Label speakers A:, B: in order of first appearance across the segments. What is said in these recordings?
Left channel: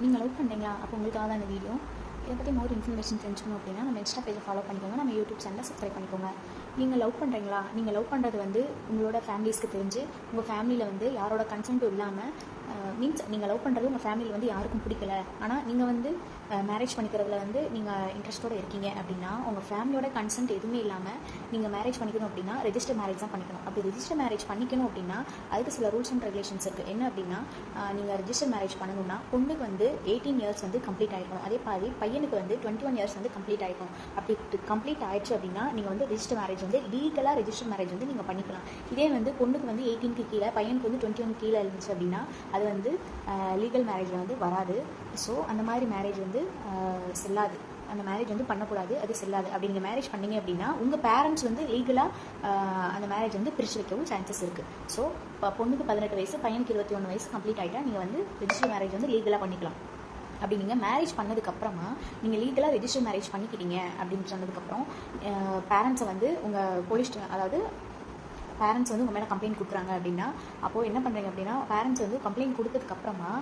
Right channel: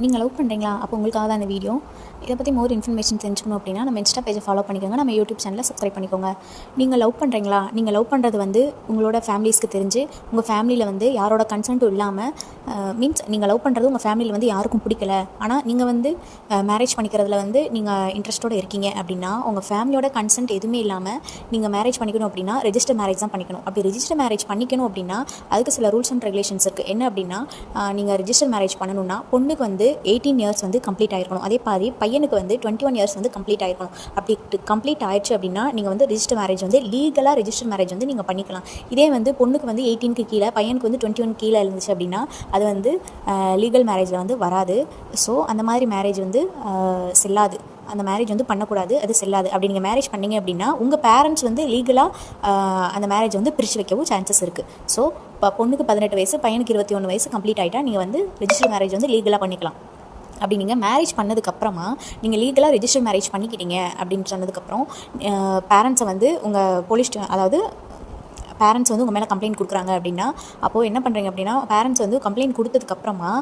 A: நீங்கள் லவ் பண்ணுறீங்களா அப்போ உங்களுக்காக தான் இந்த வீடியோ இதை பற்றி மோர் இன்ஃபர்மேஷன் தெரிஞ்சுக்கணும் அப்படின்னா நம்ம இன்ஸ்டா பேஜை ஃபாலோ பண்ணிக்கோங்க. நம்ம யூடியூப் சேனலை சப்ஸ்கிரைப் பண்ணிக்கோங்க. நீங்கள் லவ் பண்ணுறீங்களா நீங்கள் லவ் பண்ணுறது வந்து உங்களோட ஃபேமிலிஸ்க்கு தெரிஞ்சு உங்கள் ஃபேமிலியில் வந்து யாரோட கன்சென்ட்டும் இல்லாமல் மீன்ஸ் நீங்கள் லவ் பண்ணுறது உங்கள் ஃபேமிலியில் வந்து யாருக்கும் பிடிக்கல. ஆனால் நீங்கள் வந்து மேரேஜ் பண்ணிக்கிறதுல வந்து நீங்கள் இன்ட்ரெஸ்ட்டோடு இருக்கீங்க அப்படின்னா உங்கள் ஃபேமிலியோட கன்சென்ட் எதுவுமே இல்லாமல் நீங்கள் மேரேஜ் பண்ணிக்கணும் அப்படின்னா ரெஜிஸ்டர் மேரேஜ் தான் பண்ணிக்கணும். அப்படி ரெஜிஸ்டர் மேரேஜ் பண்ணிக்கணும் அப்படின்னா அதுக்கு சில ரூல்ஸ் அண்ட் ரெகுலேஷன்ஸ் இருக்குது என்ன அப்படின்னா நீங்கள் ரெஜிஸ்டர் மேரேஜ் பண்ணணும்னா பொண்ணுக்கு வந்து எயிட்டீன் இயர்ஸ் வந்து கம்ப்ளீட் ஆகிருக்கணும் அதே மாதிரி பையன் பையனுக்கு வந்து டுவெண்ட்டி ஒன் இயர்ஸ் வந்து கம்ப்ளீட் ஆகிருக்கணும் அப்படி கம்ப்ளீட் ஆயிடுச்சு அப்படின்னா நீங்கள் வந்து ரிஜிஸ்டர் மேரேஜ் வந்து லீகலாக ரிஜிஸ்டர் மேரேஜ் வந்து நீங்கள் பண்ணிக்கலாம். இதே வந்து பொண்ணுக்கு வந்து எயிட்டீனுக்கு கீழே பையனுக்கு வந்து டுவெண்ட்டி ஒன் கீழே இருந்துச்சு அப்படின்னா அது வந்து லீகல் மேரேஜில் வந்து வராது. ஸோ அந்த மாதிரி மேரேஜ் வந்து செல்லாது. அந்த மேரேஜ் வந்து பண்ணக்கூடாது அது செல்லாது. அப்படி நீங்கள் மேரேஜ் பண்ணிங்க அப்படின்னா உங்கள் பேரண்ட்ஸ் வந்து லீகலாக அந்த மேரேஜ் வந்து பிரித்து வைக்கவும் சான்சஸ் இருக்குது ஸோ இப்போ பொண்ணுக்கு பதினெட்டு வயசு பையனுக்கு இருபத்தி ஒன்று வயசு கம்ப்ளீட் ஆகிட்டா நீங்கள் வந்து ரிஜிஸ்டர் மேரேஜ் வந்து லீகலாக பண்ணிக்கலாம். அப்படி நீங்கள் மேரேஜ் பண்ணதுக்கப்புறமா நீங்கள் லீகலாக ரிஜிஸ்டர் மேரேஜ் பண்ணிக்கிட்டீங்க அப்படின்னு சொன்னதுக்கப்புறம் பேரண்ட்ஸை வந்து உங்கள் போலீஸ் அதாவது பேரண்ட்ஸ் வந்து உங்கள் மேலே கம்ப்ளைண்ட் கொடுக்குறாங்க அப்படின்னா அப்போது என்ன பண்ணுறீங்க அப்படின்னா பேரண்ட்ஸ் வந்து கம்ப்ளைண்ட் கொடுத்ததுக்கப்புறமா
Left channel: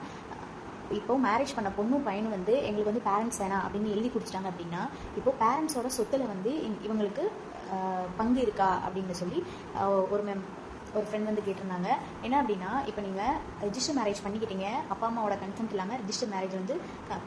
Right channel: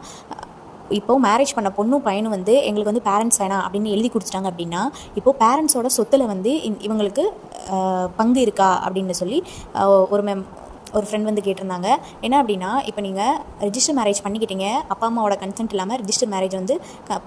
A: இப்போது மேரேஜ் பண்ண பொண்ணும் பையனும் வந்து எங்களுக்கு வந்து பேரண்ட்ஸ் வேணாம் அப்படின்னு எழுதி கொடுத்துட்டாங்க அப்படின்னா இப்போது பேரண்ட்ஸோட சொத்தில் வந்து இந்- இவங்களுக்கு பங்கு இருக்கா அப்படின்னு சொல்லி ஒரு மெம் ஒரு ஃப்ரெண்ட் வந்து கேட்டிருந்தாங்க. என்ன அப்படின்னா இப்போ நீங்கள் ரிஜிஸ்டர் மேரேஜ் பண்ணிக்கிட்டீங்க. அப்பா அம்மாவோட கன்சென்ட் இல்லாமல் ரிஜிஸ்டர் மேரேஜ் வந்து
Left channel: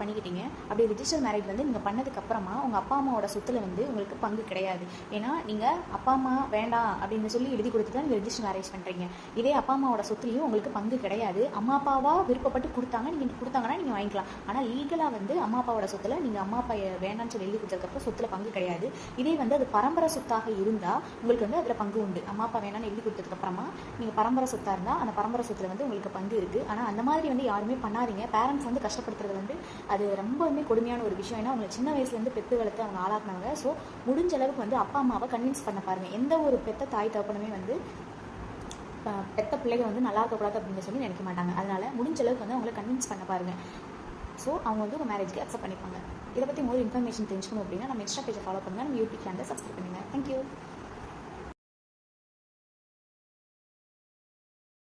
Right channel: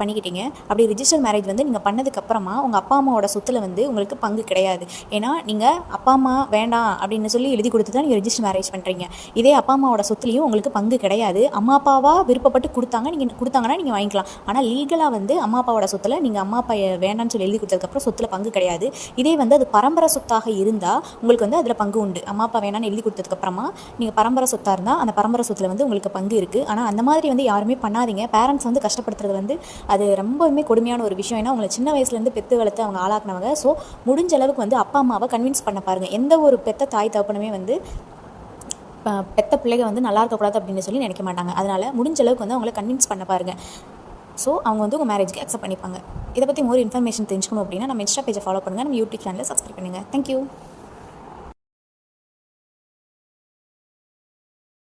A: பண்ணிக்கிட்டீங்க. அப்படி ரிஜிஸ்டர் மேரேஜ் வந்து நீங்கள் பண்ணதுக்கப்புறமா உங்கள் அப்பா அம்மாவோட சொத்தில் வந்து உங்களுக்கு பங்கு கிடையாது. ஏன்னா நீங்கள் அப்பா அம்மா வேண்டாம் அப்படின்னு சொல்லி எழுதி கொடுத்து தான் நீங்கள் ரெஜிஸ்டர் மேரேஜ் பண்ணுறீங்க இதே அப்பா அம்மாவோட சொத்துலேயும் உங்களுக்கு பங்கு கிடையாது. அம்மா அப்பாவாக விருப்பப்பட்டு கொடுத்தாங்க. நீங்கள் கொடுத்தாங்கன்னா நீங்கள் வாங்கிக்கலாம். ஆனால் லீகலாக வந்து அம்மா அப்பாவோட சொத்தில் நீங்கள் அம்மா அப்பா வேண்டாம்னு சொல்லி எழுதி கொடுத்ததுக்கப்புறம் சொத்தில் பங்கு கிடையாது. இதே வந்து அது பரம்பரை சொத்தாக இருந்தால் உங்களுக்கு வந்து அதில் பங்கு உண்டு. அம்மா அப்பா வேணாம்னு எழுதி கொடுத்ததுக்கப்புறமா நீங்கள் பரம்பரை சொத்தாக இருந்தால் அந்த பரம்பரை சொத்தில் வந்து உங்களுக்கு பங்கு இருக்குது ஆனால் அந்த மாதிரி வந்து யாருமே பண்ணாதீங்க. பேரண்ட்ஸ் வந்து கஷ்டப்படுத்துறது வந்து அது ரொம்பவுமே கொடுமையான ஒரு விஷயம். ஏன்னா உங்களை சின்ன வயசுலேருந்து பெத்து வளர்த்து அவங்க ஆளாக்குனவங்க. ஸோ முடிஞ்ச அளவுக்கு வந்து அப்பா அம்மாவை கன்வின்ஸ் பண்ண பாருங்கள் எந்த ஒரு பெத்த தாய் தகப்பனுமே வந்து பெத்த பிள்ளைங்க வந்து நல்லா இருக்கக்கூடாது அப்படின்னு சொல்லி நினைக்க மாட்டாங்க. அதனால் முடிஞ்ச அளவுக்கு வந்து அவங்கள கன்வின்ஸ் பண்ண பாருங்கள் ஸோ அவங்க வந்து உங்கள் மேரேஜ்க்கு அக்செப்ட் பண்ணிப்பாங்க. இதை பற்றி ஒரு இன்ஃபர்மேஷன் தெரிஞ்சுக்கணும் அப்படின்னா நம்ம இன்ஸ்டா பேஜை ஃபாலோ பண்ணுங்கள் நம்ம யூடியூப் சேனலை சப்ஸ்கிரைப் பண்ணுங்கள் தேங்க்யூ